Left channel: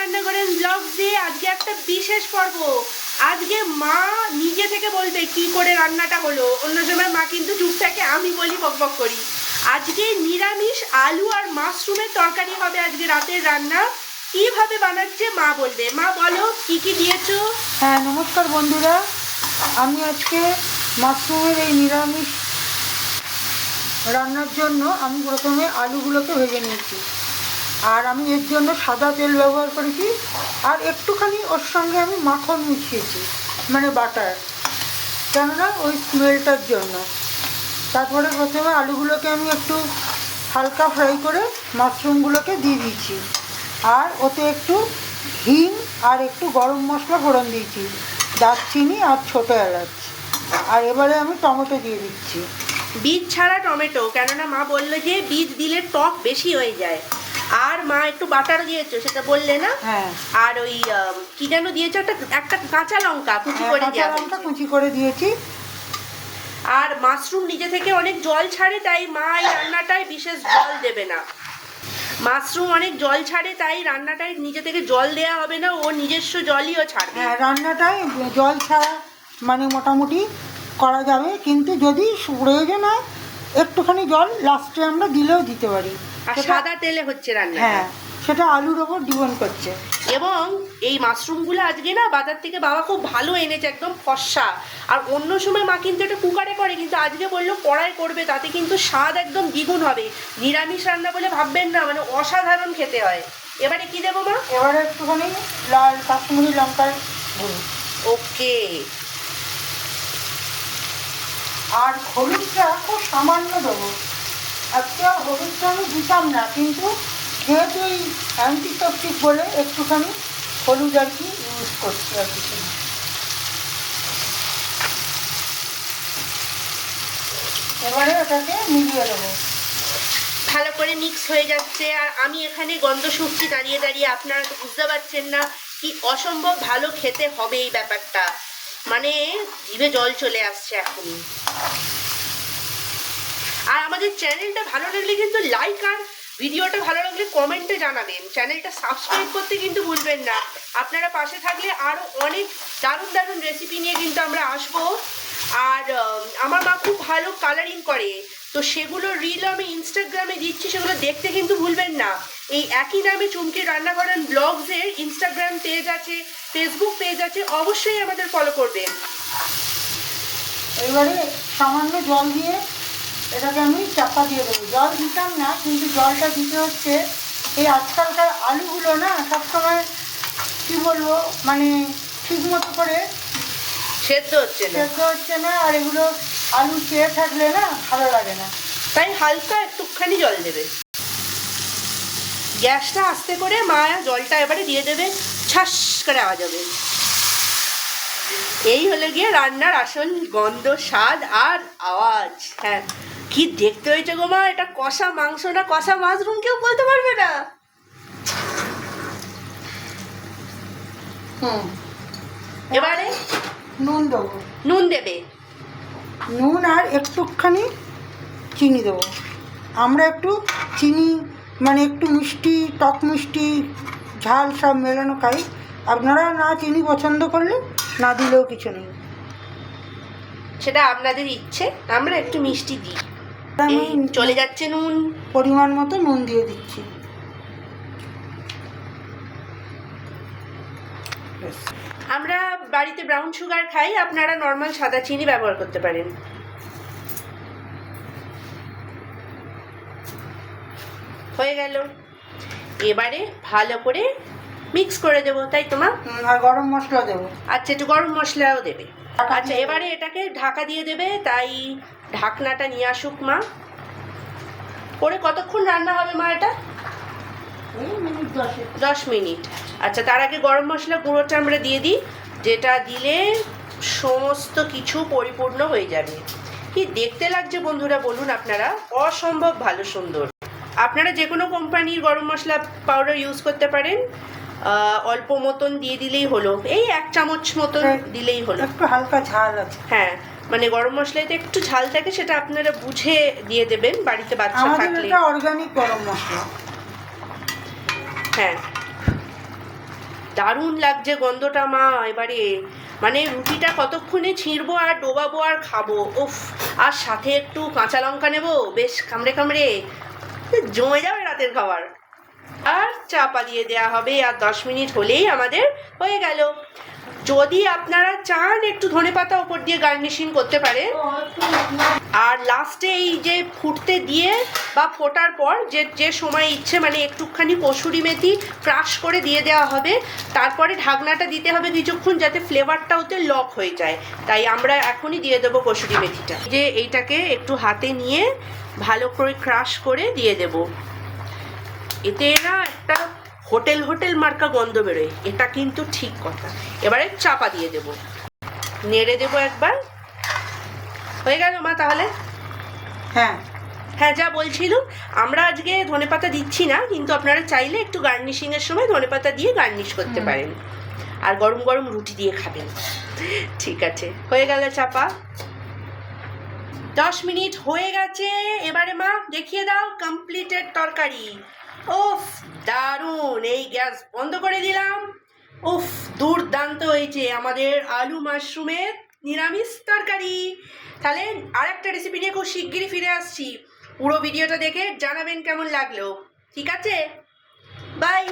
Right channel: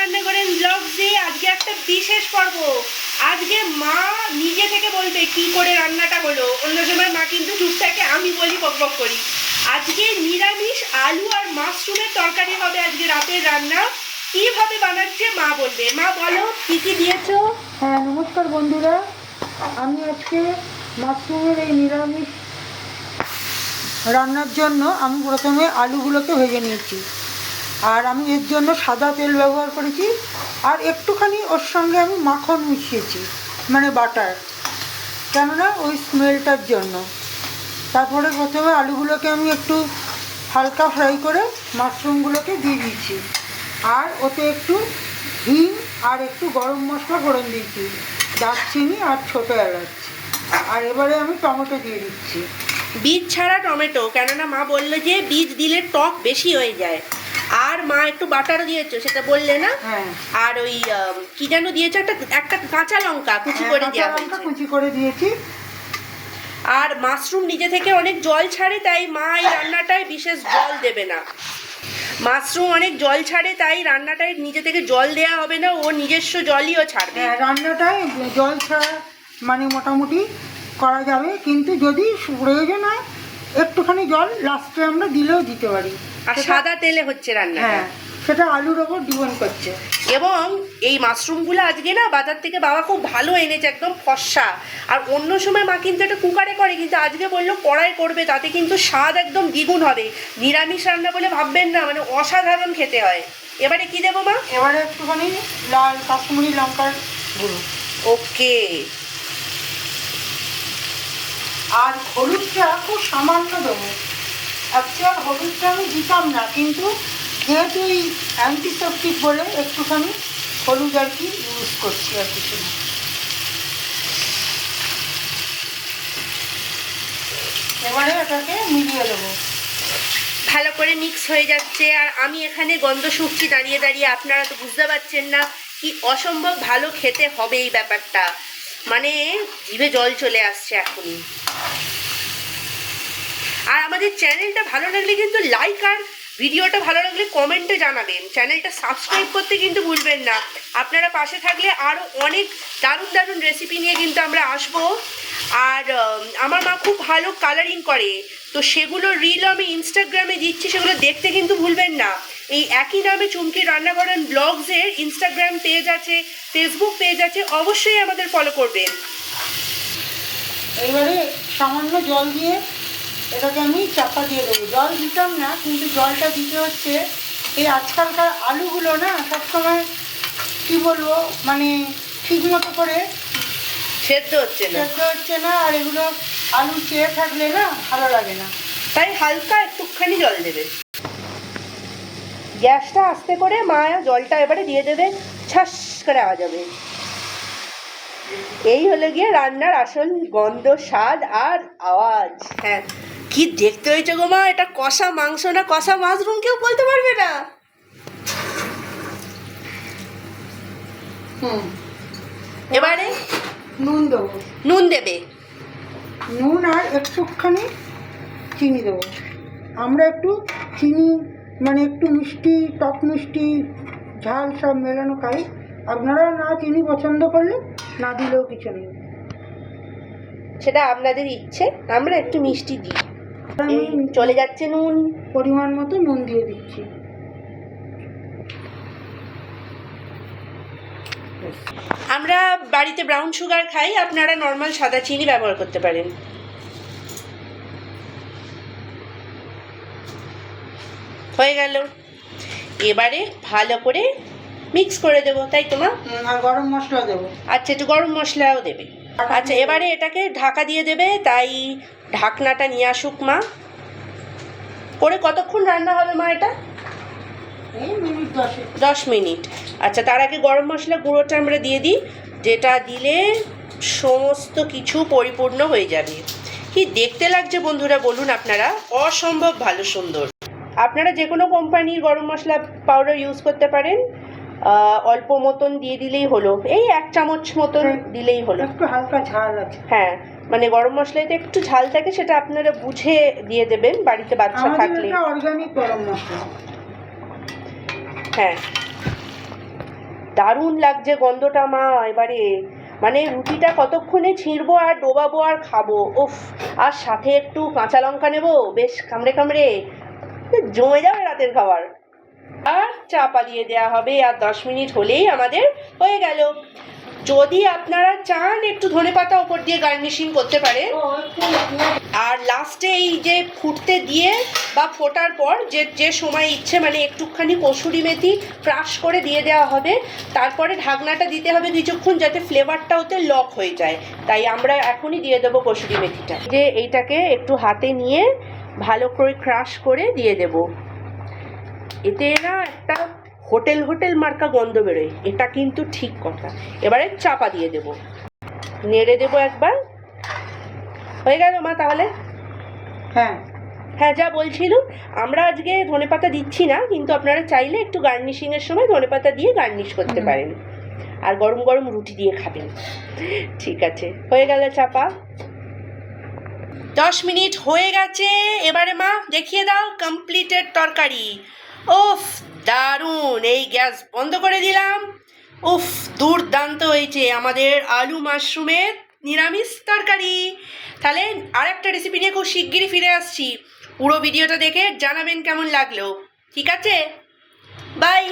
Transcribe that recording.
রান্না করেন ব্লগসে আজকে একটা বিশেষ পর্ব। আজকে মা নিজে থেকে বলবে কি করে রান্নাটা হলো। অন্য সময় মা কিন্তু চুপ থাকে, আমি বলি বকবক করি। আজকে নিরামিষ আলু আর মাশরুমের তরকারি হবে আজকে রাতের রান্না। কিভাবে বানাচ্ছে মা বলবে। মা বলো কি কি দিয়েছো। হ্যাঁ, নমস্কার বন্ধুরা। আমি আজকে মাশরুমের এই নিরামিষ রান্নার জন্য আমি প্রথমে আলুগুলোকে ভেজে নিয়েছি, আর আমি এর জন্য সাদা তেল ব্যবহার করেছি, আর একটুখানি ওর সঙ্গে আমি মাখন মিশিয়েছি, মানে বাটার, কেননা ওই স্মেলটার জন্য। তারপরে প্রথমে আলুগুলোকে আমি একটু হালকা ফ্রাই করে মাশরুমগুলোকে দিয়ে দিয়েছি, আর ওতে একটু হিং আর একটু গরম মশলা ফোড়ন দিয়েছি, দারচিনি আর ছোটো এলাচ। আর এবারে আমি টমেটো দিয়ে দিচ্ছি, বীজ ছাড়া টমেটো, কেননা মা বললো যে বীজ দিলে টক বেশি হয়ে যায়। আর মা একটু বাটার দিয়েছো, সেটা বললে না? হ্যাঁ। আর ওই কি যেন দিয়েছো, একটা কাঁচা লঙ্কা কুচি করে কাঁচা দেওয়া লঙ্কা হয়েছে। কুচি করে দিয়েছি। আর মাশরুম নিজে থেকে অনেক জল ছাড়ে, তাই মা এই রান্নাটায় বিশেষ জল দেবে না। মাশরুম অনেক জল ছাড়ে, তাই রান্নাটায় নিজে থেকে জল দেয়া হবে না, ও নিজস্ব জলই ও ছাড়বে। হ্যাঁ, রান্নাটায় জল ছাড়া মানে মোটামুটি করা যাবে, কিন্তু যদি প্রয়োজন হয় একটুখানি জল লাস্টে আমরা দিলেও দিতে পারি। আর সাদা তেলে হচ্ছে রান্না। হ্যাঁ, সেটা আলুর ওপর ডিপেন্ড করছে। এবং এই মাশরুমগুলো আজকে না বাজার থেকে বাবা খুব ভালো এনেছে, একদম ফর্সা। আর অন্য সময় মা কিন্তু এটা কুকারে করে, কিন্তু আজকে বললো কড়াই করবে, তাতে কিন্তু স্বাদ একদম দ্বিগুণ হবে। নিরামিষ রান্না বলে ভাববেন না, মানে অসাধারণ খেতে হয়। এবারে কি দেবো মা? এবারে একটুখানি লাল কাশ্মীরি লঙ্কার গুঁড়ো, ওকে। আর হলুদটা খুব সামান্য দেবো। অ্যাকচুয়াল হলুদটা আমি দিতাম না, কিন্তু যেহেতু ওই অ্যান্টিসেপটিক বলে একটুখানি হলুদ আর কি ইউজ করছি, আর কিছু না। এবারে এটাকে মিলিয়ে দেবো। ভালো করে মিক্স হয়ে যাচ্ছে, আর আমি এখানে গন্ধ শুকছি দাঁড়িয়ে দাঁড়িয়ে। আপনারা তো বুঝতে পারছেন না কি অসম্ভব ভালো খেতে হবে এই ব্যাপারটা, মানে জিভে জল চলে আসছে এখনই। আর আমাদের চ্যানেলটা ভালো লাগলে কিন্তু লাইক, আর ভিডিওটা ভালো লাগলে কমেন্টে জানাবেন। চ্যানেলটা সাবস্ক্রাইব করতে কিন্তু ভুলবেন না। আপনারা পাশে থাকলে আরও অনেক দারুণ দারুণ রেসিপি নিয়ে কিন্তু আমরা আসবো। আর আমার মা খুব ভালো কালারিং করে, তো সেগুলো রিল আমি ইনস্টাগ্রামে দিচ্ছি, সেগুলো দেখতে কিন্তু ভুলবেন না। এই একই নামে চুমকি রান্নাঘরের ব্লগসের ইনস্টাগ্রাম পেজ আছে, ফেসবুক পেজ আছে, অবশ্যই আমাদের ফলো করবেন। এবারে সামান্য জল দিয়ে এটাকে আমি চাপা দিয়ে দেবো। জল দিতাম না, কিন্তু জলটা দিতে হচ্ছে। এই আজকালকার আলুগুলো না সবসময় কী বলবো, মানে ঠিক মতো করে সেদ্ধ হচ্ছে না, আর এগুলো আলু চেয়ে থাকলে না ভালো লাগে না, তাই হালকা একটুখানি জল দেবে। গ্যাসটা আস্তে করে মা জলটা এবারে দিয়ে দেবে, ছাস করে আওয়াজ হবে। এই হলো গিয়ে রান্নার আসল গন্ধ, স্বাদ আর আওয়াজ। হ্যাঁ, কি দেখতে হয়েছে গো মা, এটা কষা মাংস না কষা মাশরুম কেউ বলতে পারবে না। এবারে নুন দেবো, নুন দেবে। নুন আর একটুখানি চিনি দেবো। আমরা একটু চিনি মানে একটু মিষ্টি, টক মিষ্টি, ঝাল সব মেলানো খাই। আপনারা না চিনি পছন্দ করলে না দিলেও কিছু নেই, সেটা আপনাদের ইচ্ছে। আমরা একটু মিষ্টি দিই। আমি এই চলে যাচ্ছে নুন, পরিমাণ মতো নুন দিয়ে দিচ্ছি। আমরা বাড়িতে ব্রাউন সুগার খাই, আপনারা নর্মাল সাদা চিনি ব্যবহার করতে পারেন। হয়ে গেল। এবারে ভালো করে মিক্স করে দেবো, তাই তো মা? আর গরম মশলা দেবো। আচ্ছা, একটু গরম মশলাও দেবে। আচ্ছা, এবারে এটাকে ঢাকা দিয়ে দেবে, তাই ঢাকনাটা নিয়ে আসুক মা। করে কতক্ষণ রান্না হবে মা এটা? এই মিনিট 10। 10 মিনিট। আচ্ছা, তার আগে গরম মশলা গুঁড়োটা আমরা দিয়ে দিই, যেটা দিলে সমস্ত কিছু পরিপূর্ণ হয়ে যাবে। কি দেখতে লাগছে বন্ধুরা বলুন আপনারা, অসম্ভব ভালো সুন্দর। আপনারা যে কোনো কোম্পানির গরম মশলা পাউডার ইউজ করতে পারেন। অল্প মতন দিয়ে দিলেই হলো, এই 1 চামচ মতন দিলেই হলো। একটু হালকা ঝাল আছে। হ্যাঁ, মানে গরম মশলাতে একটু ঝাল থাকে, সেটা আপনারা বুঝে দিয়ে দেবেন বাড়িতে বাচ্চা থাকলে। এটা অর্গানিক গরম মশলা। হ্যাঁ, দারুণ লাগছে গন্ধটা মা এবারে, মানে রুটিটা কতক্ষণে ছিঁড়বো আর ডোবাবো আর খাবো, উফ। আর সাথে একটু কাঁচা লঙ্কা নেবো, বেশ কামড়ে কামড়ে, জমে যাবে রাতের খাবার। আর চাপা দিয়ে দেওয়া হবে, আর 10 মিনিট হলেই আমাদের হয়ে গেল। যদি আপনারা চান একটু ধনেপাতা ওপর দিয়ে গার্নিশিং করতে পারেন। আর লাস্টে এই যে ফুটতে দিয়ে বা ফোটার পর যে সময় ইচ্ছে মানে একটুখানি কসুরি মেথি ক্রাশ করে দিয়ে দেওয়া হবে। তারপরে ঢাকনাটা দিতে হবে কিছুক্ষণ, যাতে ফ্লেভারটা ওতে লক হয়ে যায়। তাই আমরা এখনই দিয়ে দেবো কসুরি মেথিটা। যে এইটাকে একটু হাতে নিয়ে ভালো করে ক্রাশ করে দিয়ে দেব। এতে না একটা হোটেল মার্কা গন্ধ বেরোয়, এটা কিন্তু ঠিক কথা। এবারে চাপা দিয়ে দেব, নেড়ে দেবো একবার। হয়ে গেল মা তাহলে? হ্যাঁ হ্যাঁ, যা বলছিলাম, আমরা আজকে ধনেপাতা দিচ্ছি না, কিন্তু আপনারা চাইলে একটু গার্নিশিংয়ের সময় ধনেপাতা দিয়ে গার্নিশ করতে পারেন। আর গরম গরম রুটি দিয়ে খাবেন। ঠিক আছে, হয়ে গেল চাপা। 10 মিনিট হয়ে গেছে। এবারে মা দেখিয়ে দাও কমপ্লিটেড তরকারি। উফ, দারুণ। এই গ্যাস বন্ধ করে দিলাম। উফ, দুর্দান্ত হয়েছে আমাদের আলু মাশরুমের নিরামিষ তরকারি। তাহলে আর একটা রেসিপি নিয়ে খুব শিগগিরই ফিরে আসছি। পুরো ভিডিওটা দেখে জানাবেন কেমন লাগলো। ঠিক আছে, বাই।